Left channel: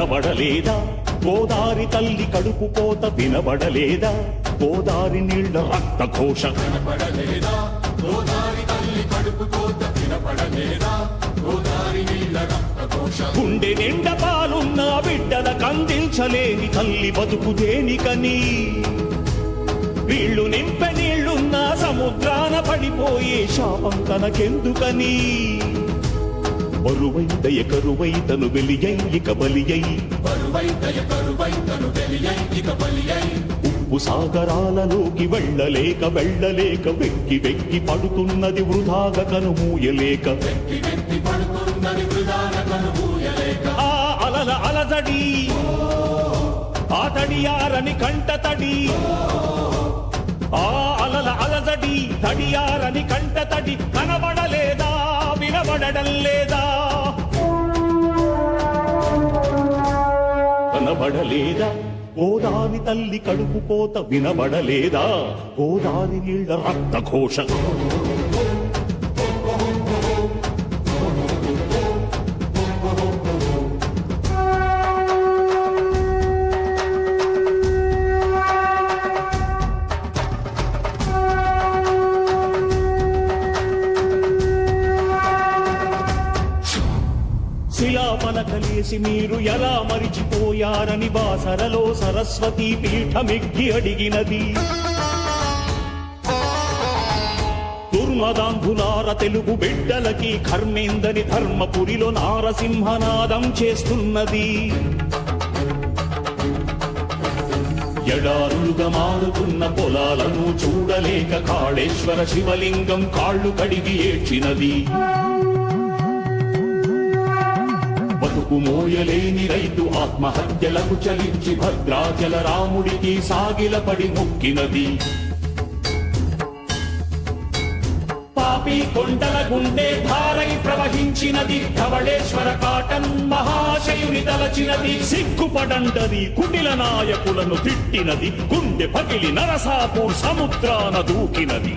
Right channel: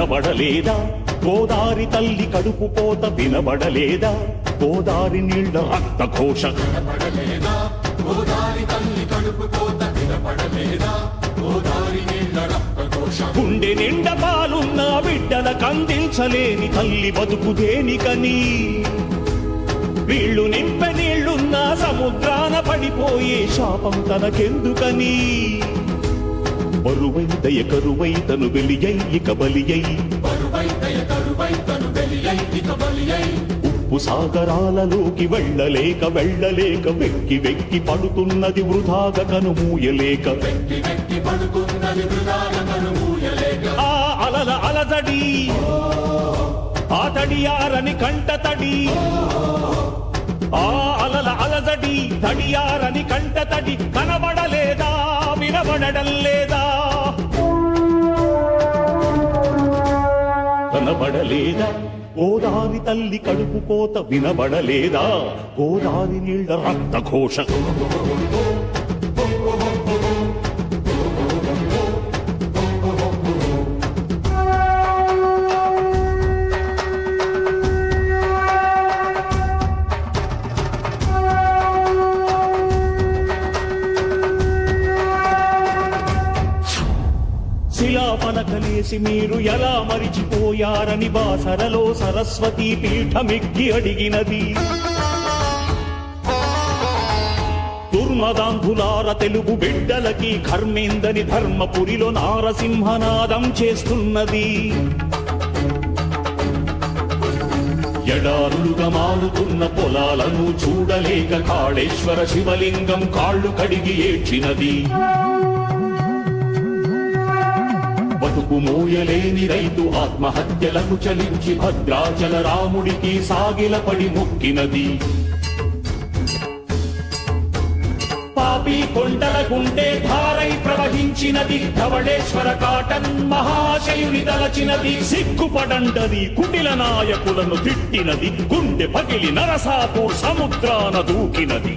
కనబడలేదా గోదారి తల్లి కడుపు కోత వినబడలేదా? గోదారి నీళ్ళ రక్త ఘోష గుండె నిండ పాలున్న బిడ్డల కందించలేని తల్లి బతుకు దేనికని? వీళ్ళు నింప నీళ్ళున్న సముద్రాన పడిపోయే శాపం తనకెందుకని? బరువై దయ కరువై తను వెలియై ఇక బలియై. ఉప్పు సాగరాలలోకి వెళ్ళలేక వెళ్ళలేక వెక్కి వెక్కి పడుతున్నది వృధాగా కనుమూయలేక ఆ అలల అలజడి ఆ తడియారని కంట తడి. ఆ అలల అలదడి తడియారని కంట తడి కనబడలేదా వినబడడం లేదా కనబడలేదా? గోదావి తల్లి కడుపు కోత వినబడలేదా? గోదావి నీళ్ళ రక్త ఘోష ఇలా పలకలేసి మీరు ఎలా మరిచిపోయారని బాసరలో సరస్వతి పీఠమిగ్గి అడిగినది. దుర్మదాంధులార తెలుగు బిడ్డలకి కర్మేందని ధర్మపురిలో నారసింహనాదం చేస్తున్నది. ఎడారులుగా మారుతున్న పొలాలను చూడలేక కాళేశ్వర శివలింగం కాళ్ళు కడిగి ఏడ్చినది. బతుకు మోయలేని రైతు ఆత్మహత్యలకు చలించి భద్రాచల రాముడికి సాగిలపడి మొక్కినది. పాపి కొండల గుండె భారై ప్రవహించినది. ధవళేశ్వర కాటన్ మహాశయుని తలచినది. సిగ్గుపడండది కుటిల నాయకులను తిట్టినది. గుండె పగిలి నరసాపూర్ సముద్రాన దూకినది.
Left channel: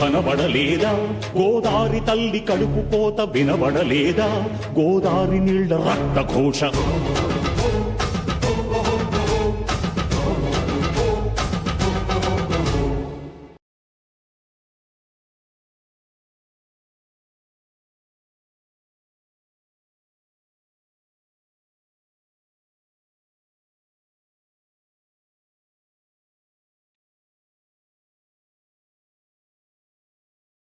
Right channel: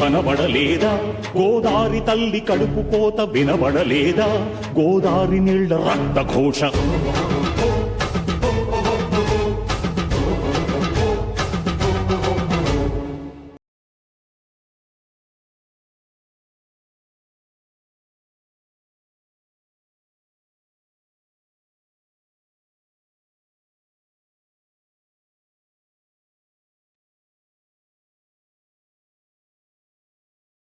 కనబడలేదా? గోదారి తల్లి కడుపు కోత వినబడలేదా? గోదారి నీళ్ళ రక్త ఘోష